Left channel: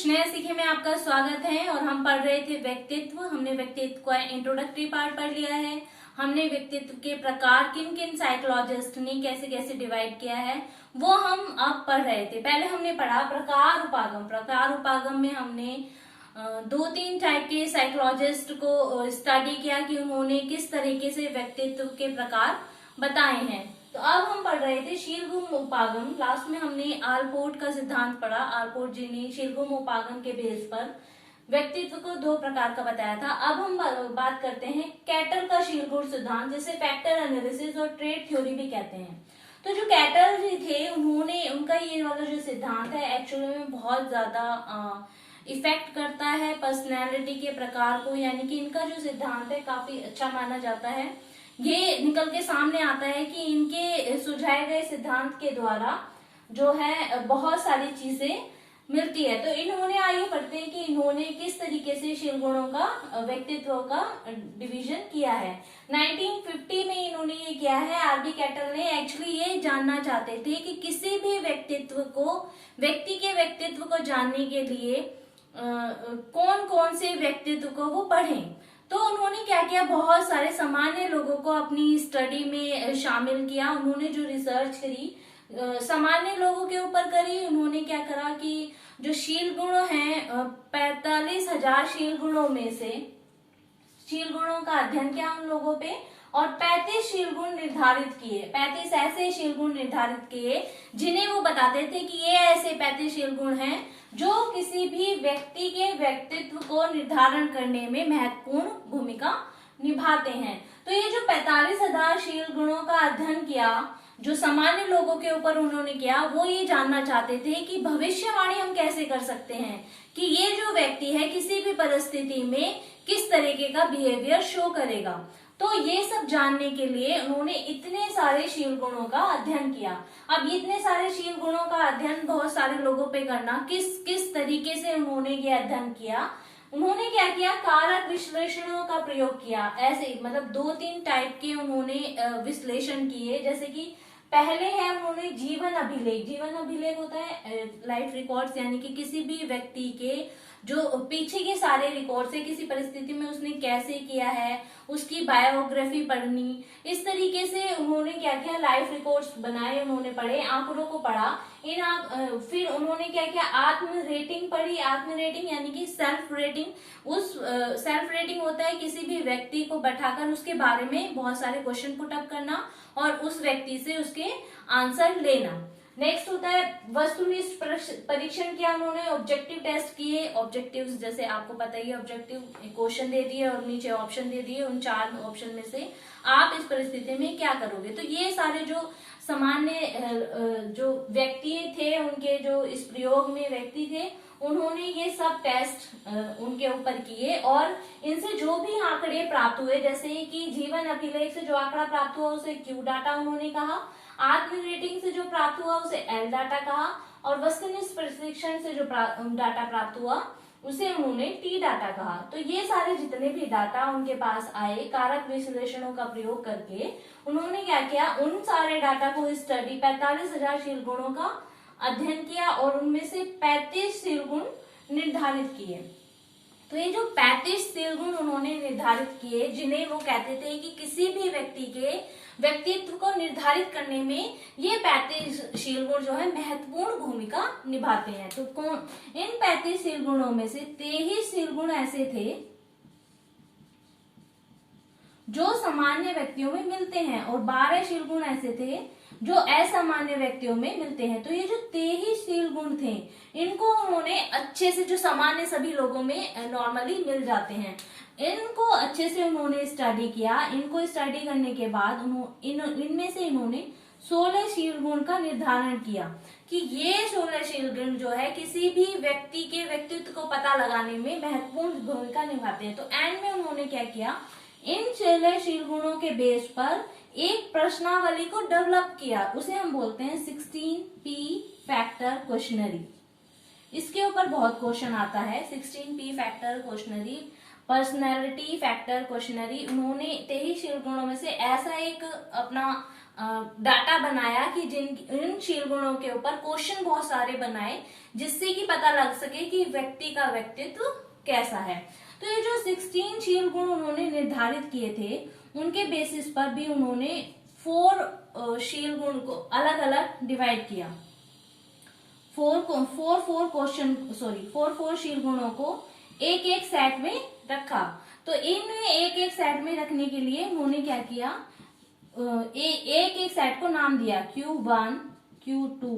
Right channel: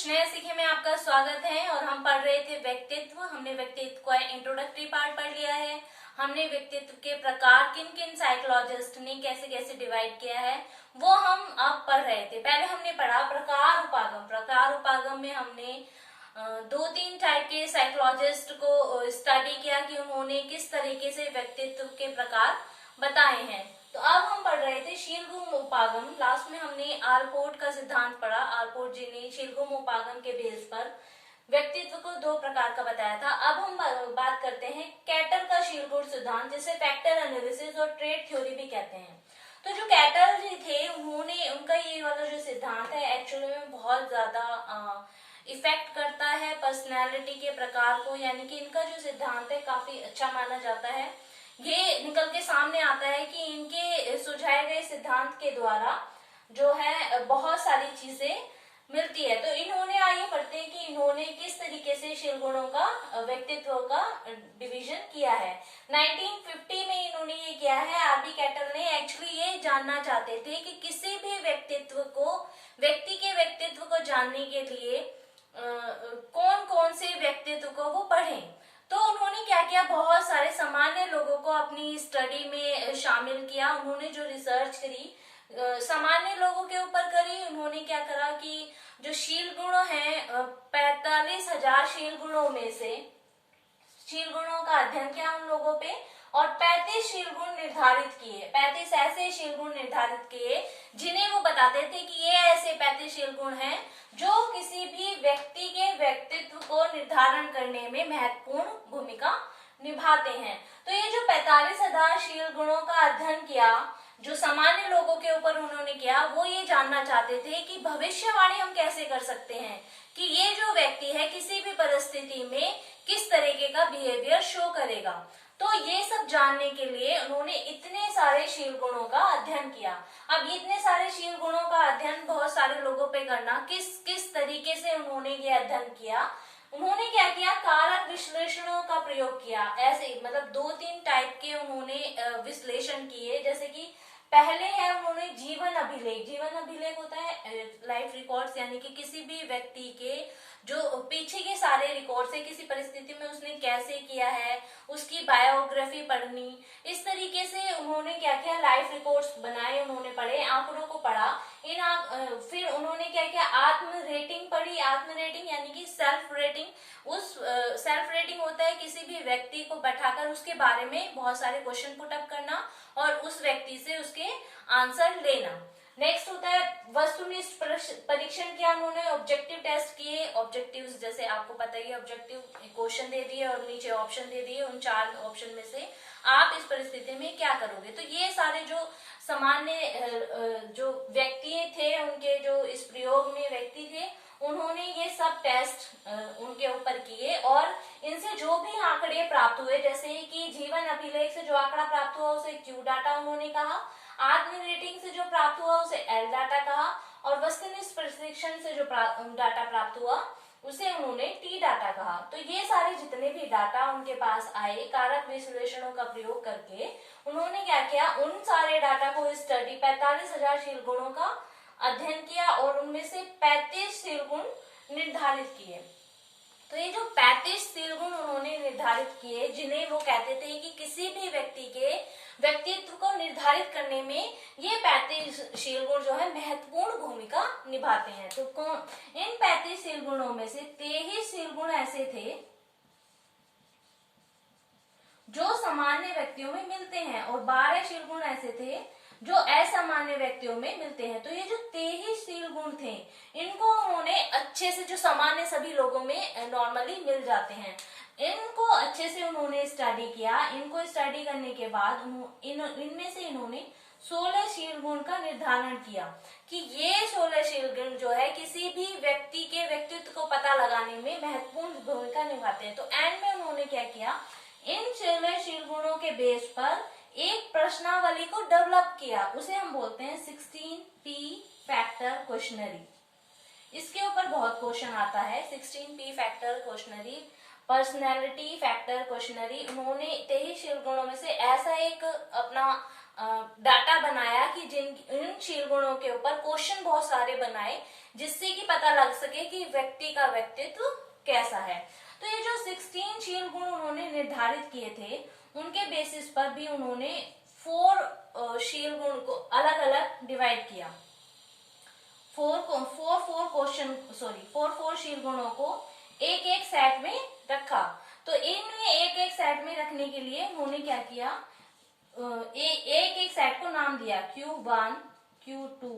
कुछ नया सीखे में आपका स्वागत है। और हम पढ़ रहे थे व्यक्तित्व। हमने व्यक्तित्व का इंट्रोडक्टरी पार्ट पढ़ लिया है। हमने व्यक्तित्व के प्रकार किन किन साइकोलॉजिस्ट ने कैसे कैसे डिवाइड किया है वो हम अब पढ़ रहे थे। पहले हमने पढ़ा प्रकार उपागम। प्रकार उपागम में हमने दो तीन टाइप के साइकोलॉजिस्ट को स्टडी किया कि उन्होंने किस तरीके से व्यक्तित्व के प्रकार बताए हैं। तो अब हम पढ़ रहे थे शीलगुम उपागम। लास्ट में हमने आलपोर्ट का सिद्धांत पढ़ा। आलपोर्ट जी ने शीलगुम उपागम के बेस पर व्यक्तित्व को दो प्रकार का बताया था। अब हम बात करते हैं कैटल का शीलगुम सिद्धांत, जिसे फैक्टर एनालिसिस और ट्रेड थ्योरी भी कहते हैं। तो जो कैटल जी थे उन्होंने उनका ये वाला जो सिद्धांत है एक्चुअली में बहुत ज्यादा इफेक्ट करता है पर्सनैलिटी के प्रकार को, यानी कि इनका जो सिद्धांत है काफी अच्छा माना जाता है। ये निकल के सामने आता है कि इनके सुझाए गए सिद्धांत के द्वारा जो है बहुत सारी चीजें मिलती है। तो इन्होंने आइए पढ़ते हैं कि इन्होंने किस तरीके से शीलगुणों का व्यक्तित्व का डिवीजन किया है। 1950 में इन्होंने ये किया है। आरबी कैटल ने एक्चुअली ये जानना चाहते थे कि किसी भी व्यक्ति के व्यक्तित्व को जानने के लिए कौन कौन से व्यक्तित्व को वो पढ़ें। तो उन्होंने क्या किया, बहुत सारे सामान्य लोगों को अपनी स्टडी में शामिल किया। उन्होंने जो रिसर्च करी सामान्य लोगों के ऊपर करी। उन्होंने क्या करा कि जो शील गुण है 45,000 शील गुणों में से शील गुणों का अध्ययन किया उन लोगों पे और 35 शील गुण निर्धारित किए। 35 ऐसे शील गुण निर्धारित किए जिन्हें वो बताते थे कि ये ऐसे 35 शील गुण हैं जो किसी भी व्यक्ति के व्यक्तित्व को निर्धारण करने में महत्वपूर्ण भूमिका निभाते हैं। तो ये जो 45,000 शील गुणों का अध्ययन किया जो सामान्य लोगों के ऊपर उन्होंने किया, वो ये जानना चाहते थे कि भविष्यवाणी हम कैसे कर सकते हैं कि ये जो व्यक्ति है किसी भी परिस्थिति में किस तरीके का बिहेवियर शो करेगा। तो ये सब जानने के लिए उन्होंने इतने सारे शील गुणों का अध्ययन किया। अब इतने सारे शील गुणों का अध्ययन बहुत सारे लोगों पे करना, किस तरीके से उन्होंने ये अध्ययन किया, उन्होंने क्या किया, कारक विश्लेषणों का प्रयोग किया। ऐसे मतलब दो तीन टाइप के उन्होंने विश्लेषण किए। जैसे कि पहले है उन्होंने जीवन अभिलेख। जीवन अभिलेख होता है लाइफ रिकॉर्ड्स, यानी कि किसी भी व्यक्ति के जो पीछे के सारे रिकॉर्ड है, किसी परिस्थिति में उसने कैसे किया है, उसकी बायोग्राफी पढ़नी। इस तरीके से उन्होंने क्या किया, लाइफ रिकॉर्ड्स बनाए, उन्होंने पढ़े, आंकड़ों को पढ़ा। फिर उन्होंने क्या किया, आत्म रेटिंग पढ़ी। आत्म रेटिंग यानी कि सेल्फ रेटिंग। सेल्फ रेटिंग होता है किसी भी व्यक्ति को बैठाकर उसके बारे में बहुत सारे क्वेश्चन पुटअप करना और उस व्यक्ति से उसके आंसर लेना। नेक्स्ट होता है वस्तुनिष्ठ परीक्षण किया उन्होंने। ऑब्जेक्टिव टेस्ट किए। ऑब्जेक्टिव्स जैसे आपको पता ही है, ऑब्जेक्टिव क्वेश्चन दे दिए और नीचे ऑप्शन दे दिए। उन 4 ऑप्शन में से आप इस परिस्थिति में क्या करोगे। तो ये सारे जो सामान्य जो व्यक्ति थे, उनके जो इस प्रयोग में व्यक्ति थे, उन्होंने ये सब टेस्ट उनके ऊपर किए और इनसे जो भी आंकड़े प्राप्त हुए, जैसे कि जीवन अभिलेख से जो आंकड़ा प्राप्त हुआ उसे क्यू डाटा उन्होंने कहा, आत्म रेटिंग से जो प्राप्त हुआ उसे एल डाटा कहा और वस्तुनिष्ठ परीक्षण से जो डाटा प्राप्त हुआ उसे उन्होंने टी डाटा कहा। तो ये सारे जितने भी डाटा उनके पास आए कारक विश्लेषणों का प्रयोग करके उन्होंने क्या किया, उन सारे डाटा को स्टडी 45,000 शील गुणों का अध्ययन किया और उनमें से 35 शील गुण निर्धारित किए। तो ये जो 35 शील गुण उन्होंने निर्धारित किए, जिन्हें वो कहते थे कि किसी भी व्यक्ति के व्यक्तित्व को निर्धारित करने में ये 35 शील गुण जो है महत्वपूर्ण भूमिका निभाते हैं। तो इन 35 शील गुणों में से 23 शील गुण ऐसे थे जो सामान्य व्यक्तियों में मिलते हैं और 12 शील गुण ऐसे थे जो असामान्य व्यक्तियों में मिलते हैं। तो ये जो 23 शील गुण थे, इनको उन्होंने अच्छे से, जो सामान्य सभी लोगों में नॉर्मली मिल जाते हैं, इनको अच्छे से उन्होंने स्टडी किया। इनको स्टडी करने के बाद इनमें से इन्होंने 16 शील गुण का निर्धारण किया कि ये 16 शील गुण जो है किसी भी व्यक्ति के व्यक्तित्व को पता लगाने में महत्वपूर्ण भूमिका निभाते हैं। तो एंड में उन्होंने क्या किया, इन 16 शील गुणों के बेस पर एक प्रश्नावली को डेवलप किया। उसे हम बोलते हैं 16P फैक्टर क्वेश्चनरी। इसके ऊपर बहुत क्वेश्चन आता है। 16P factor questionnaire, personality factor questionnaire. उन्होंने 23 शील गुणों में से ऐसा एक अपना डाटा बनाया कि इन शील गुणों के ऊपर क्वेश्चन बहुत सारे बनाए, जिससे कि पता लग सके कि व्यक्ति का व्यक्तित्व कैसा है। तो ये जो 16 शील गुण उन्होंने निर्धारित किए थे, उनके बेसिस पर भी उन्होंने 4 शील गुण को अलग अलग डिवाइड किया। 4 शील गुणों को एक एक सेट में रखा। तो इनमें एक एक सेट में रखने के लिए उन्होंने क्या किया, एक एक सेट को नाम दिया Q1, Q2,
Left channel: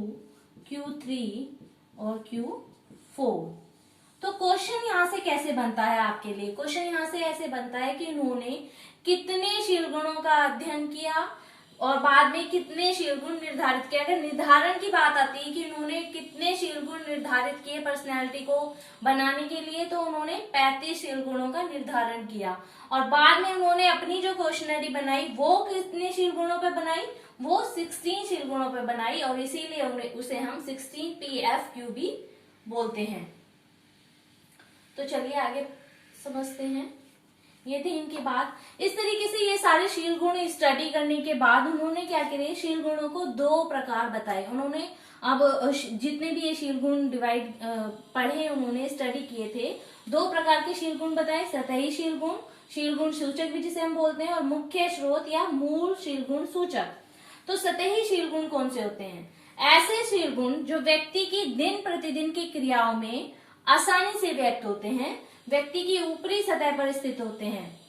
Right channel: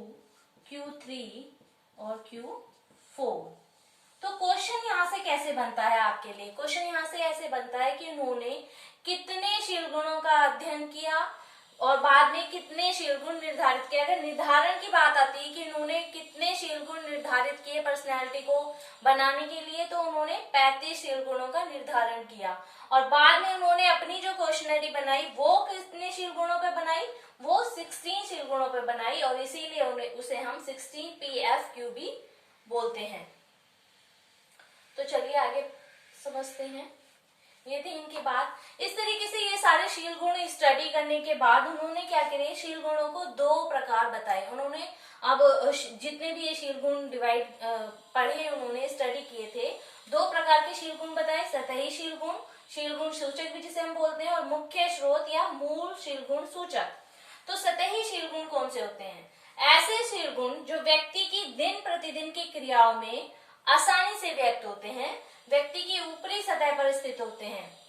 Q3 और Q4। तो क्वेश्चन यहाँ से कैसे बनता है आपके लिए, क्वेश्चन यहाँ से ऐसे बनता है कि उन्होंने कितने शील गुणों का अध्ययन किया और बाद में कितने शील गुण निर्धारित किया। अगर निर्धारण की बात आती है कि उन्होंने कितने शील गुण निर्धारित किए पर्सनैलिटी को बनाने के लिए, तो उन्होंने 35 शील गुणों का निर्धारण किया। और बाद में उन्होंने अपनी जो क्वेश्चनरी बनाई वो कितने शील गुणों पे बनाई, वो 16 शील गुणों पे बनाई, और इसीलिए उसे हम 16 PFQ भी बोलते हैं। तो चलिए आगे समझते हैं। ये थी इनकी बात। इस तरीके से ये सारे शील गुण स्टडी करने के बाद उन्होंने क्या करे, शील गुणों को 2 प्रकार बताए उन्होंने। अब जितने भी ये शील गुण डिवाइड पढ़े, उन्होंने स्टडी किए थे, 2 प्रकार के शील गुण बताए। सतही शील गुण सूचक भी जिसे हम बोलते हैं, और मुख्य स्रोत या मूल शील गुण सूचक। तो सतही शील गुण कौन से होते हैं? ऐसे शील गुण जो व्यक्ति की दिन प्रतिदिन की क्रियाओं में आसानी से व्यक्त होते हैं, व्यक्ति की ऊपरी सतह पर स्थित होते हैं,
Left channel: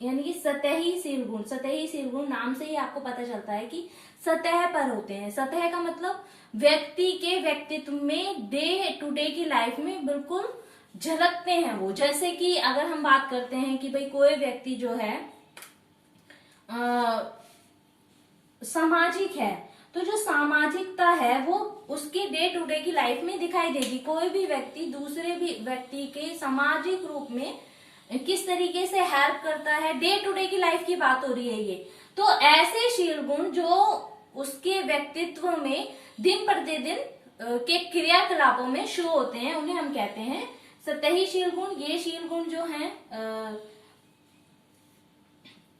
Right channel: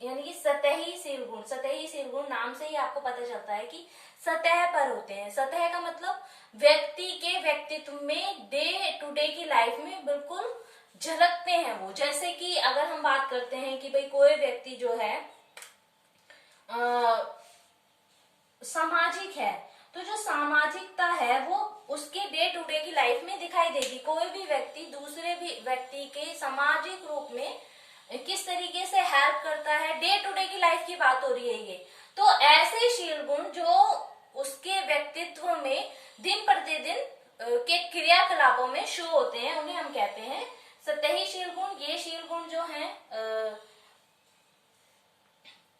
यानी कि सतही शील गुण। सतही शील गुण नाम से ही आपको पता चलता है कि सतह पर होते हैं। सतह का मतलब व्यक्ति के व्यक्तित्व में डे टू डे की लाइफ में बिल्कुल झलकते हैं वो। जैसे कि अगर हम बात करते हैं कि भाई कोई व्यक्ति जो है सामाजिक है, तो जो सामाजिकता है वो उसके डे टू डे की लाइफ में दिखाई देगी। कोई भी व्यक्ति दूसरे भी व्यक्ति के सामाजिक रूप में किस तरीके से हेल्प करता है, डे टू डे की लाइफ की बात हो रही है ये। तो ऐसे शील गुण जो उसके व्यक्तित्व में दिन प्रतिदिन के क्रियाकलापों में शो होते हैं, उन्हें हम कहते हैं सतही शील गुण। ये शील गुण जो हैं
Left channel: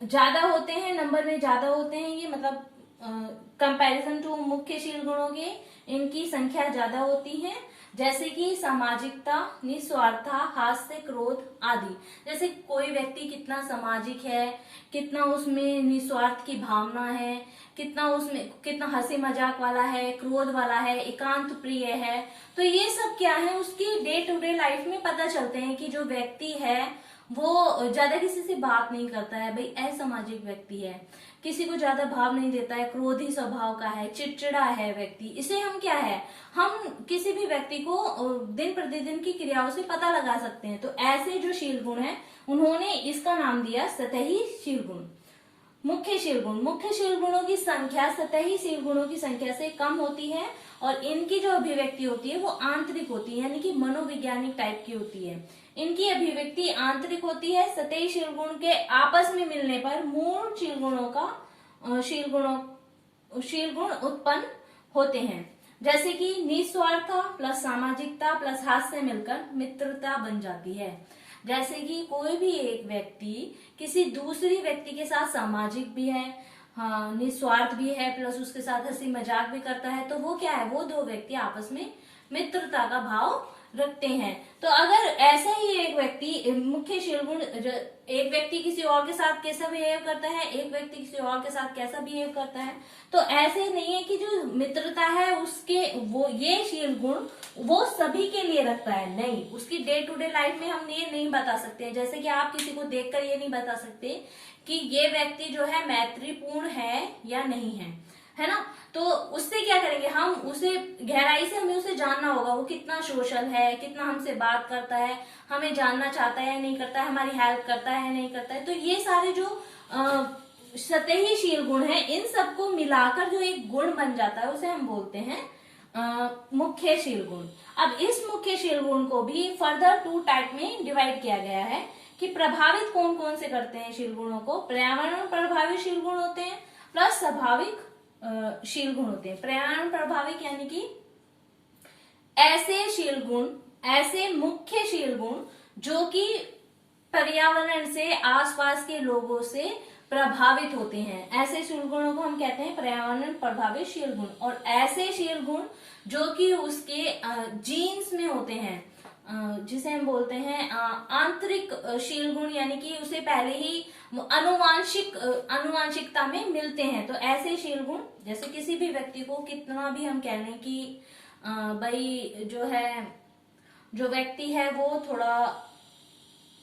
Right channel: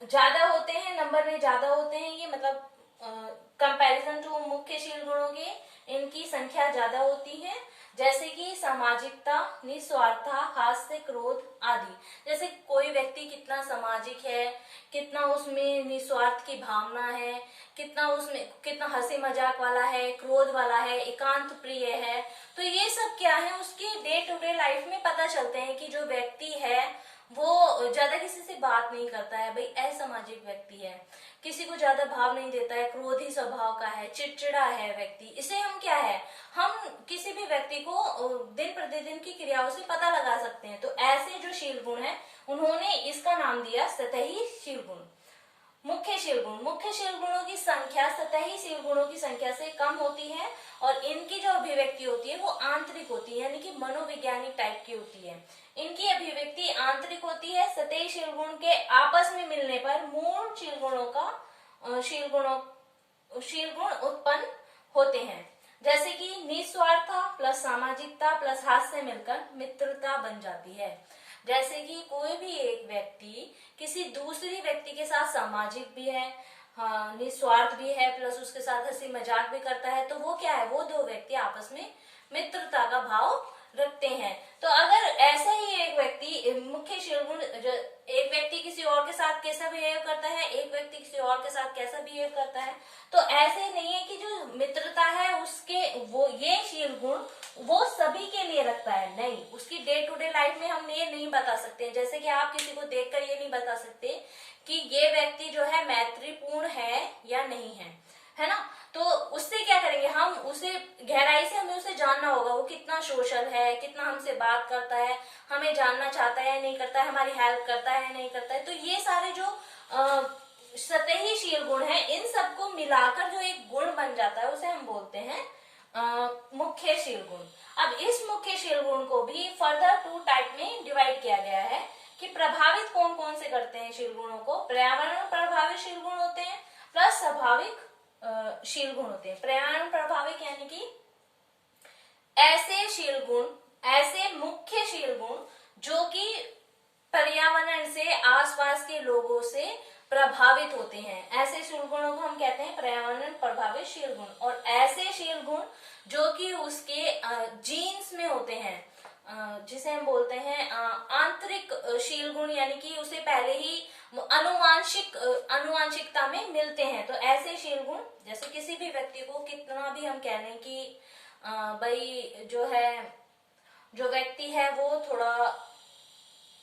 ज्यादा होते हैं, नंबर में ज्यादा होते हैं, ये मतलब कंपैरिजन टू मुख्य शील गुणों के इनकी संख्या ज्यादा होती है। जैसे कि सामाजिकता, निस्वार्थता, हास्य, क्रोध आदि। जैसे कोई व्यक्ति कितना सामाजिक है, कितना उसमें निस्वार्थ की भावना है, कितना हंसी मजाक वाला है, क्रोध वाला है, एकांत प्रिय है। तो ये सब क्या है, उसकी डे टू डे लाइफ में पता चलते हैं कि जो व्यक्ति है वो ज्यादा किसी से बात नहीं करता है, भाई असामाजिक व्यक्ति है, किसी को ज्यादा भाव नहीं देता है, क्रोधी स्वभाव का है, चिड़चिड़ा है व्यक्ति। इसे हम क्या है, हम किसी भी व्यक्ति को दिन प्रतिदिन की क्रियाओं से पता लगा सकते हैं। तो ऐसे जो शील गुण है उन्होंने इसका नाम दिया सतही शील गुण। मुख्य शील गुणों की संख्या सतही शील गुणों की संख्या से कम होती है, और इनकी जो अभिव्यक्ति होती है वो आंतरिक होती है, यानी कि मनोवैज्ञानिक टाइप की होती है। इनकी अभिव्यक्ति आंतरिक होती है। सतही शील गुण के आपस में मिलने पर मूल शील गुण उत्पन्न होते हैं। जैसे कि निस्वार्थ प्लस सामाजिकता प्लस हास्य मिलकर मित्रता बन जाती है। जैसे कि कोई भी एक व्यक्ति किसी दूसरी व्यक्ति के साथ सामाजिक भी है, हाँ निस्वार्थ भी है, प्लस उसके साथ हंसी मजाक भी करता है, तो वो क्या है, वो 2 व्यक्ति आपस में मित्रता का भाव रखते हैं। तो अगर ऐसा ही एक व्यक्ति मुख्य शील गुण, एक व्यक्ति किसी और के साथ कैसा बिहेव करता है, एक व्यक्ति किसी और के साथ कैसा बिहेव करता है, तो ऐसे नहीं है कि जो मित्रता है उसके वो ये शील गुण वो सभी के लिए रखता है, नहीं। उसकी डे टू डे लाइफ में हम ये नहीं बता सकते। जैसे कि आप किसी को देखकर ये नहीं बता सकते कि ये व्यक्ति जो है मैत्रीपूर्ण है या नहीं है ना। तो उससे क्या करेंगे, हम उसे गहराई से हमें उसे जानना होगा, वो कितना सोशल है, कितना हमसे बात करता है, हमें जानना चाहता है या नहीं करता है, हमारी हेल्प करता है या नहीं करता है। तो ये सारे जो सतही शील गुण है, इन सबको मिलाकर जो एक गुण बन जाता है उसे हम बोलते हैं मुख्य शील गुण। अब इस मुख्य शील गुण को भी फर्दर 2 टाइप में डिवाइड किया गया है कि प्रभावित कौन कौन से करते हैं शील गुणों को। पर्यावरण प्रभावित शील गुण होते हैं, प्लस स्वाभाविक शील गुण होते हैं। पर्यावरण प्रभाविक यानी कि ऐसे शील गुण, ऐसे मुख्य शील गुण जो कि पर्यावरण से, आसपास के लोगों से प्रभावित होते हैं। ऐसे शील गुणों को हम कहते हैं पर्यावरण प्रभावित शील गुण। और ऐसे शील गुण जो कि उसके जीन्स में होते हैं, जिसे हम बोलते हैं आंतरिक शील गुण, यानी कि उसे पहले ही अनुवांशिकता में मिलते हैं। तो ऐसे शील गुण, जैसे किसी भी व्यक्ति को कितना भी हम कह लें कि भाई जो व्यक्ति है वो थोड़ा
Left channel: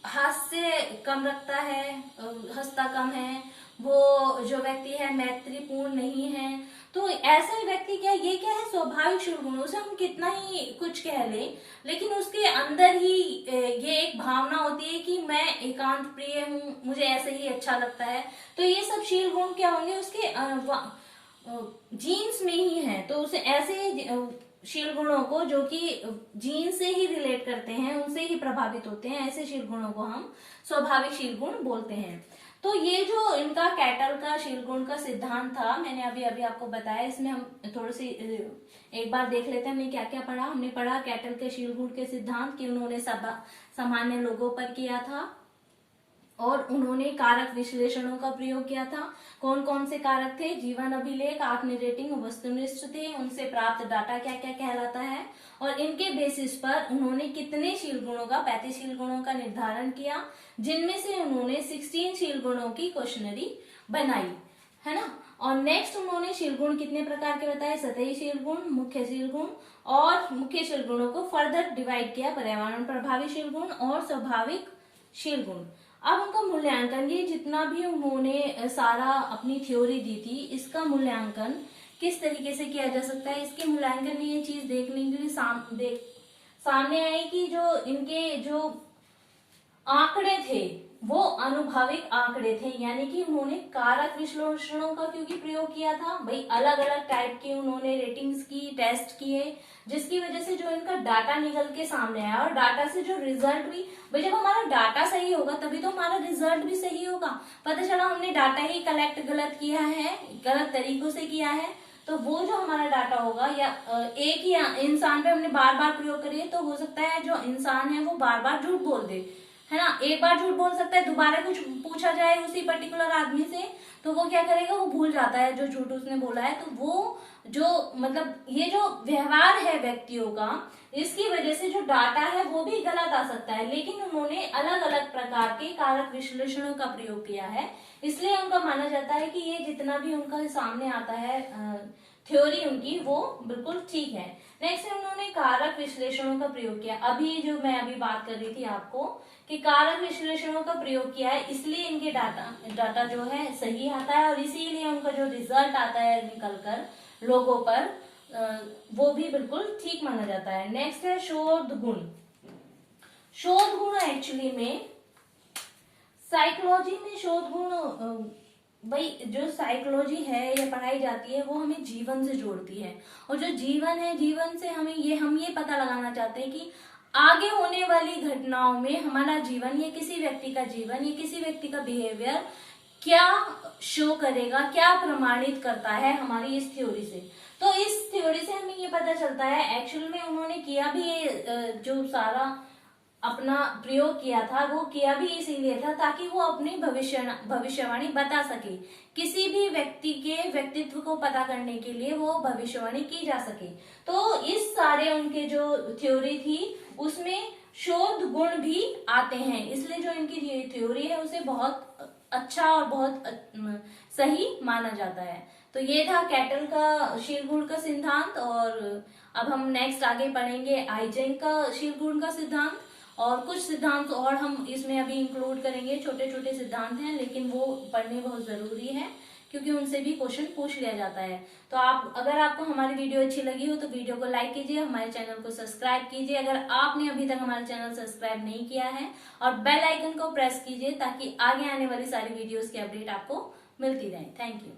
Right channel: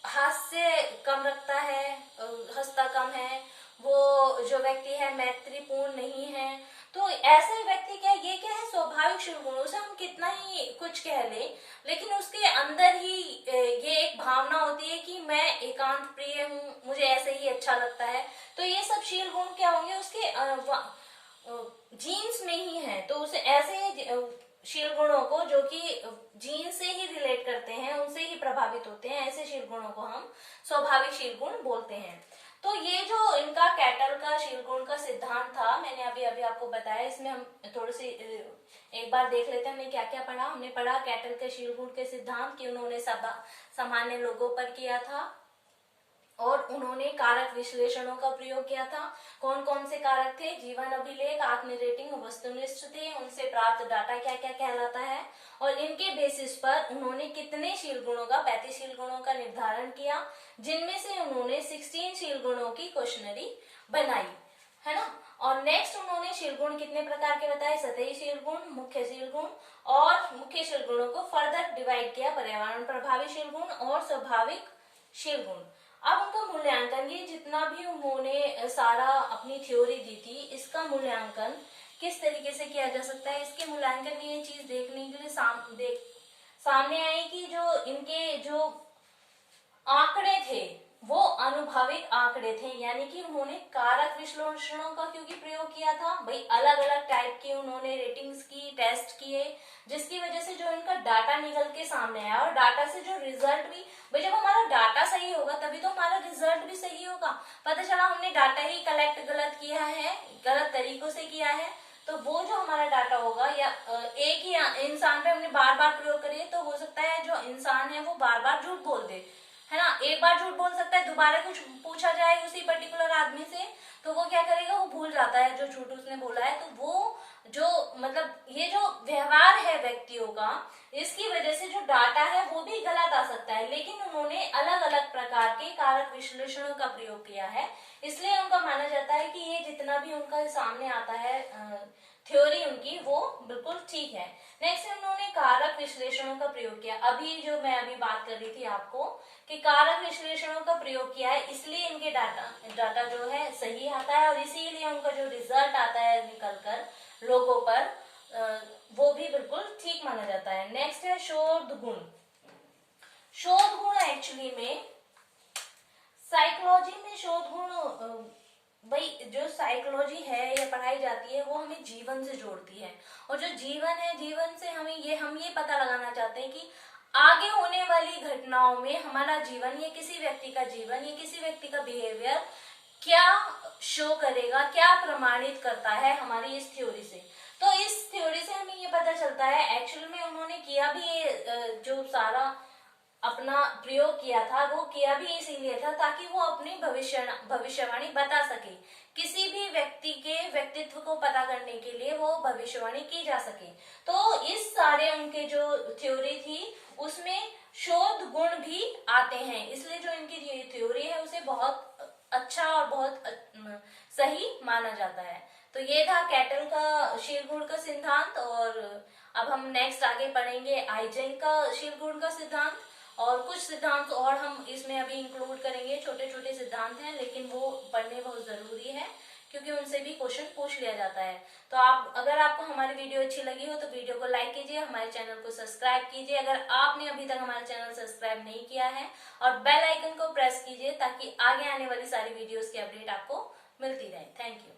हास्य कम रखता है, हंसता कम है, वो जो व्यक्ति है मैत्रीपूर्ण नहीं है, तो ऐसे व्यक्ति ये क्या है स्वाभाविक शील गुण। उसे हम कितना ही कुछ कह ले, लेकिन उसके अंदर ही ये एक भावना होती है कि मैं एकांत प्रिय हूँ, मुझे ऐसे ही अच्छा लगता है। तो ये सब शील गुण क्या होंगे, उसके जीन्स में ही है। तो उसे ऐसे शील गुणों को जो कि जीन से ही रिलेट करते हैं, उनसे ही प्रभावित होते हैं, ऐसे शील गुणों को हम स्वाभाविक शील गुण बोलते हैं। तो ये जो इनका कैटल का शील गुण का सिद्धांत था, मैंने अभी अभी आपको बताया। इसमें हम थोड़ी सी एक बार देख लेते हैं हमने क्या क्या पढ़ा। हमने पढ़ा कैटल के शील गुण के सिद्धांत कि उन्होंने सामान्य लोगों पर किया था और उन्होंने कारक विश्लेषणों का प्रयोग किया था। कौन कौन से कारक थे? जीवन अभिलेख, आत्म रेटिंग, वस्तुनिष्ठ थे, उनसे प्राप्त डाटा क्या क्या कहलाता है, और इनके बेसिस पर उन्होंने कितने शील गुणों का 35 शील गुणों का निर्धारण किया, जिनमें से उन्होंने 16 शील गुणों की क्वेश्चनरी बनाई, है ना। और नेक्स्ट उन्होंने शील गुण कितने प्रकार के बताए? सतही शील गुण, मुख्य शील गुण, और मुख्य शील गुणों को फर्दर डिवाइड किया पर्यावरण प्रभावी शील गुण और स्वाभाविक शील गुण। अब उनका मूल्यांकन, ये जितना भी उन्होंने सारा अपनी थ्योरी दी थी, इसका मूल्यांकन किस तरीके से किया जा सकता है, इसके मूल्यांकन में ये चीज देखने के लिए सामने आई कि जो इनके जो आंकड़े थे वो अनुभविक आंकड़े थे, यानी कि उन्होंने कारक विश्लेषणों का क्योंकि प्रयोग किया था, भाई अलग अलग टाइप के उन्होंने रेटिंग्स की, टेस्ट किए, जिसकी वजह से जो इनका डाटा निकल के सामने आया। और डाटा से जो रिजल्ट भी, भाई जब हमारा डाटा सही होगा तभी तो हमारा रिजल्ट भी सही होगा। पता चला हमने डाटा ही कलेक्ट गलत किया है, गलत तरीकों से किया है, तो वो जो हमारा डाटा होगा या एक ही इंसान पे हमने बार बार प्रयोग करिए, तो हो सकता है जो इंसान है वो बार बार झूठ बोल दे, है ना। एक बार झूठ बोल सकता है, दोबारा कुछ पूछा जाए उसी पर्टिकुलर आदमी से तो वो क्या करेगा, वो भूल जाता है जो झूठ उसने बोला है। तो वो जो मतलब ये जो व्यवहार है व्यक्तियों का, इसकी वजह से जो डाटा है वो भी गलत आ सकता है। लेकिन उन्होंने अलग अलग प्रकार के कारक विश्लेषणों का प्रयोग किया है, इसलिए उनका माना जाता है कि ये जितना भी उनका सामने आता है थ्योरी उनकी, वो बिल्कुल ठीक है। नेक्स्ट उन्होंने कारक विश्लेषणों का प्रयोग किया। अभी जो मैं अभी बात कर रही थी आपको कि कारक विश्लेषणों का प्रयोग किया है, इसलिए इनके डाटा जो है सही आता है, और इसीलिए उनका जो रिजल्ट आता है निकलकर लोगों पर, वो भी बिल्कुल ठीक माना जाता है। नेक्स्ट है शोध गुण। शोध गुण एक्चुअली में साइकोलॉजी में शोध गुण, भाई जो साइकोलॉजी है या पढ़ाई जाती है वो हमें जीवन से जोड़ती है, और जो जीवन है, जीवन से हम ये पता लगाना चाहते हैं कि आगे होने वाली घटनाओं में हमारा जीवन, या किसी व्यक्ति का जीवन, या किसी व्यक्ति का बिहेवियर क्या शो करेगा, क्या प्रमाणित करता है हमारी इस थ्योरी से। तो इस थ्योरी से हमें ये पता चलता है, एक्चुअल में उन्होंने किया भी ये जो सारा अपना प्रयोग किया था, वो किया भी इसीलिए था ताकि वो अपनी भविष्यवाणी बता सके। किसी भी व्यक्ति के व्यक्तित्व को पता करने के लिए वो भविष्यवाणी की जा सके। तो इस सारे उनके जो थ्योरी थी उसमें शोध गुण भी आते हैं, इसलिए जो इनकी थ्योरी है उसे बहुत अच्छा और बहुत सही माना जाता है। तो ये था कैटल का शील गुण का सिद्धांत। और अब हम नेक्स्ट आगे पढ़ेंगे आइजेंक का शील गुण का सिद्धांत, और कुछ सिद्धांत और हम इसमें अभी इंक्लूड करेंगे। छोटे छोटे सिद्धांत हैं लेकिन वो पढ़ने बहुत जरूरी है, क्योंकि उनसे भी क्वेश्चन पूछ लिया जाता है। तो अगर आपको हमारी वीडियो अच्छी लगी हो तो वीडियो को लाइक कीजिए, हमारे चैनल को सब्सक्राइब कीजिए अगर आपने अभी तक हमारा चैनल सब्सक्राइब नहीं किया है, और बेल आइकन को प्रेस कीजिए ताकि आगे आने वाली सारी वीडियोस की अपडेट आपको मिलती रहे। Thank you.